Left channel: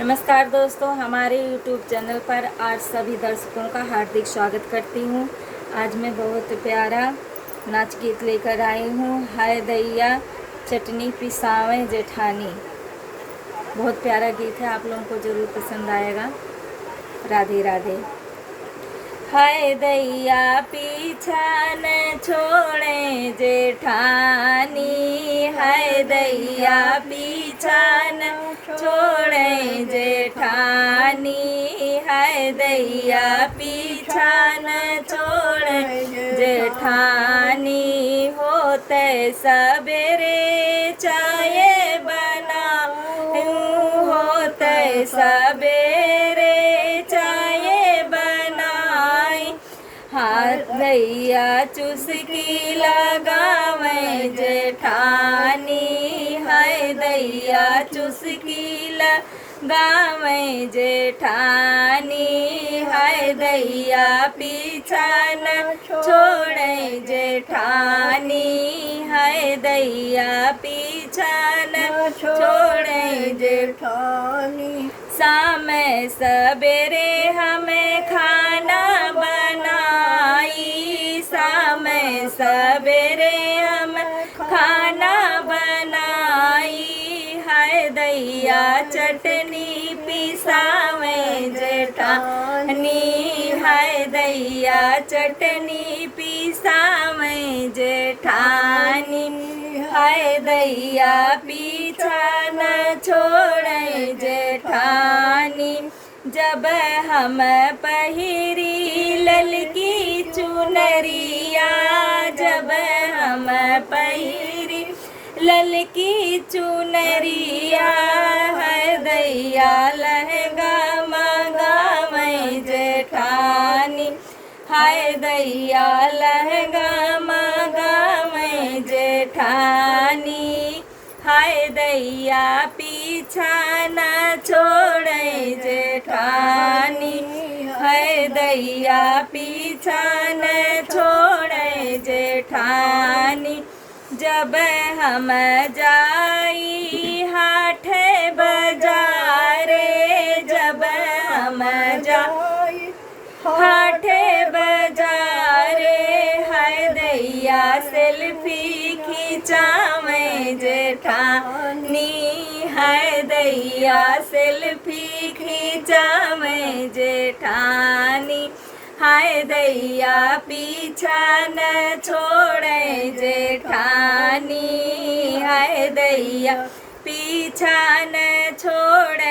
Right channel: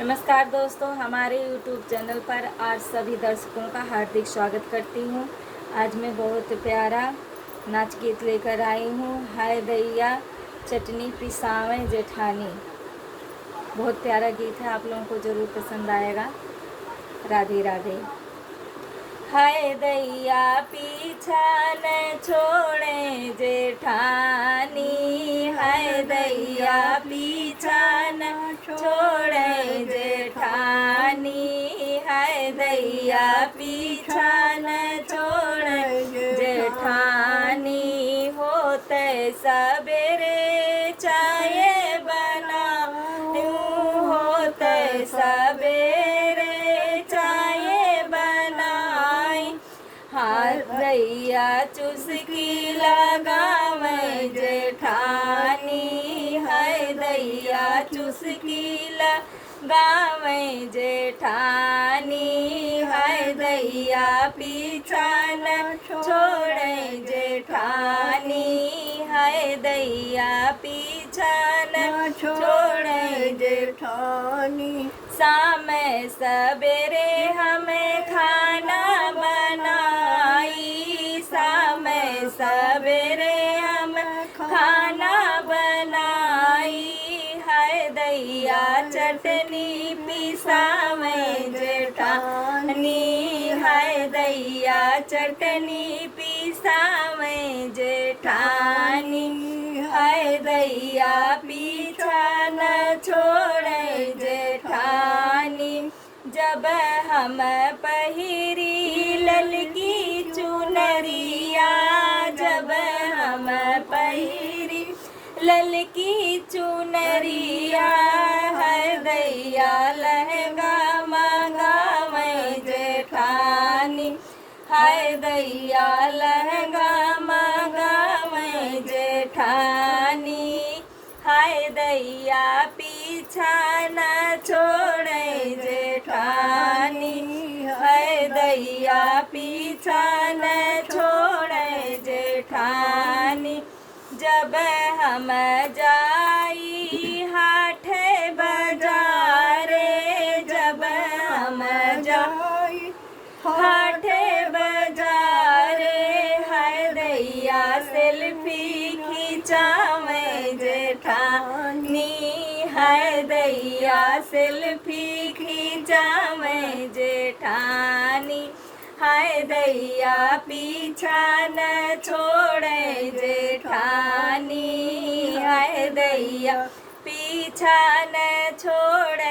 नमस्कार दोस्तों, हमारे YouTube चैनल पर आज सभी दर्शकों का हार्दिक स्वागत करती हूँ। आज मैं बहुत प्यारा नाच गीत लेकर आई हूँ। हाय दैया चटनी पिसावें जेठानी। बहुत प्यारा गीत है, आप लोगों को ज़रूर पसंद आएगा। राधे राधे। हाय दैया पीछा न छोड़े जेठानी, हाय दैया पीछा न छोड़े जेठानी, हाय दैया पीछा न छोड़े जेठानी। होते सबेरे चाय बनाऊं, होते सबेरे चाय बनाई, हाथ दैया चुस्की लगावें जेठानी, हाय दैया चुस्की लगावें जेठानी, हाय दैया पीछा न छोड़े जेठानी, हाय दैया पीछा न छोड़े जेठानी। शाम सवेरे हमें खाना बनाई, शाम सवेरे हम खाना बनाई, हाय दैया चटनी पिसावें जेठानी, हाय दैया चटनी पिसावें जेठानी, हाय दैया पीछा न छोड़े जेठानी। जब हम पहिरी ललकी चुनरिया, जब हम पहिरी ललकी चुनरिया, हाय दैया लहंगा मंगावें जेठानी, हाय दैया लहंगा मंगावें जेठानी, हाय दैया पीछा न छोड़े जेठानी, हाय दैया पीछा न छोड़े जेठानी। जब हम जाई हाट बाजारे, जब हम जाई हाट बाजारे, हाय दैया सेल्फी खिंचावें जेठानी, हाय दैया सेल्फी खिंचावें जेठानी, हाय दैया पीछा न छोड़े जेठानी, हाय दैया पीछा न छोड़े